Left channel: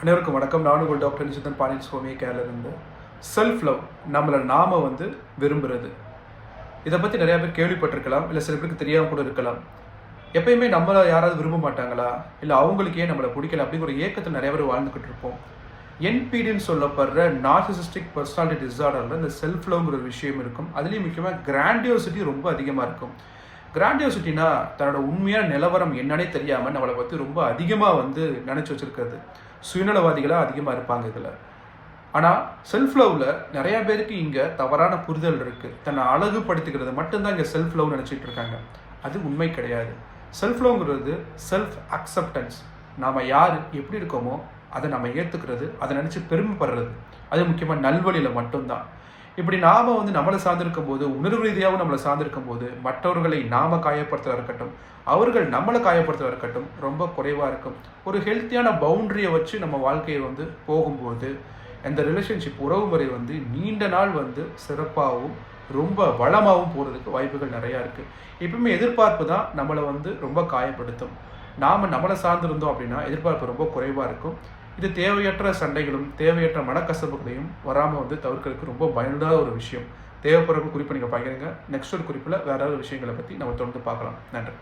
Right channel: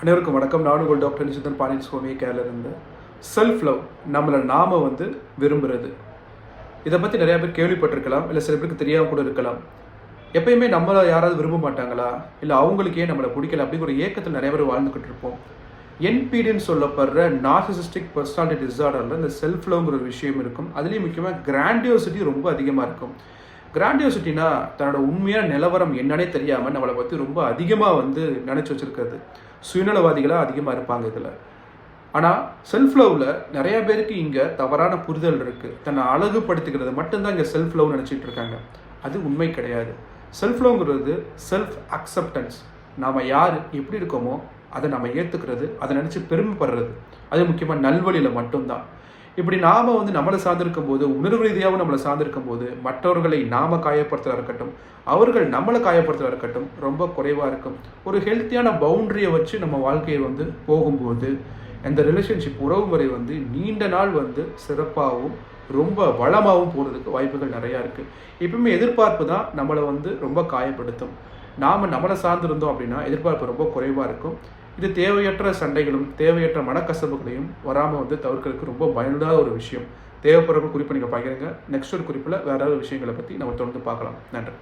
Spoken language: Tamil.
அனைவருக்கும் வணக்கம். நான் உங்கள் டாக்டர் நிஷிதன் பாண்டியன் சுவாமி கேரளா இருந்து செல்ஃப் லவ் நம்மளை நாம வந்து விரும்புறது. இதை பற்றி நிறையா பேர் கேள்விப்பட்டிருக்கலாம் இல்லை சில பேருக்கு தெரியாமல் கூட இருக்கலாம். எப்பயுமே நம்மளை யாராவது விரும்ப மாட்டாங்களா? இல்லை அவங்களுக்கு ஏன் நம்மளை பிடிக்கல அப்படிங்கிற ஒரு ஏக்கத்தில் நிறைய பேர் வாழ்ந்துகிட்டு இருப்போம். என்பிடின்னு சொல்லப்படுற நார்சிசிஸ்டிக் பர்சனாலிட்டி டிசார்டரில் இந்த செல்ஃப் லவ்ங்கிற ஒரு விஷயம் இருக்கும். அதுலேயும் முக்கியமாக கிராண்டியோசிட்டி ரொம்ப அதிகமாக இருக்கும். கிராண்டியோசிட்டினா தன்னோட உண்மையான நிலவரம் என்னன்னே தெரியாமல் நம்மளை பற்றி ரொம்ப அதிகமாக வந்து நினச்சி வச்சுருக்கிறது. சுயநலவாதிகளாக அதிகமாக இருப்பாங்க இதில். ஆனால் செல்ஃப் லவ்வில் நிறைய பேருக்கு இங்கே தவறான புரிதல் இருக்குது தன்னை அழகுபடுத்திக்கிறது மட்டும்தான் இங்கே செல்ஃப் லவ் நினச்சிட்டு இருக்காங்க. அது உண்மை கிடையாது. செல்ஃப் லவ்ங்கிறது செல்ஃப் அக்செப்டன்ஸ் நாம் யார் எப்படி இருக்கோமோ அதை நம்ம ஏற்றுக்கிறது அதை நினச்சி பெருமைப்படுறது. அது முக்கியமாக நல்வழியில் மட்டும்தான். இப்படி நாம வந்து நம்மளை சார்ந்திருக்கும் போது உணர்வு ரீதியாகவும் நம்மளை சார்ந்திருக்கும் போது மற்றவர்களை நாம காயப்படுத்துறதா இருக்கட்டும் அவர்கள் நம்மளை காயப்படுத்துறதா இருக்கட்டும் ரொம்ப குறைவா இருக்கும். ஒரு ஹெல்த்தியான பவுண்டரியை வச்சு நம்ம வாழ்க்கையை வந்து போகும்போது அந்த ரிலேஷன்ஷிப் உறவு முறை வந்து நீண்ட நாள் வந்து சிறப்பாகவும் ரொம்ப வளமாகவும் போடுறதுக்கு வாய்ப்புகள் நிறையா இருக்குது எப்பவுமே எதிர்பார்ப்பு தான் நம்மளை வந்து ரொம்ப காயப்படுத்தும். நாம நம்மளை சார்ந்திருந்தோம் அப்படின்னா எதிர்பார்ப்பு ரொம்ப குறைவாக இருக்கும். இது தேவையற்ற சண்டைகளும் தேவையற்ற மனக்கசப்புகளையும் வராமல் வந்து தவிர்க்கிறதுக்கு ரொம்ப பயனுள்ள ஒரு விஷயம். தேவைப்படுற குறிப்பு நீங்கள் பகிருங்க நெக்ஸ்ட் ஒரு குறிப்பில் வேற ஒரு விஷயங்களை பற்றி நம்ம தொடர்ந்து பார்க்கலாம். நன்றி.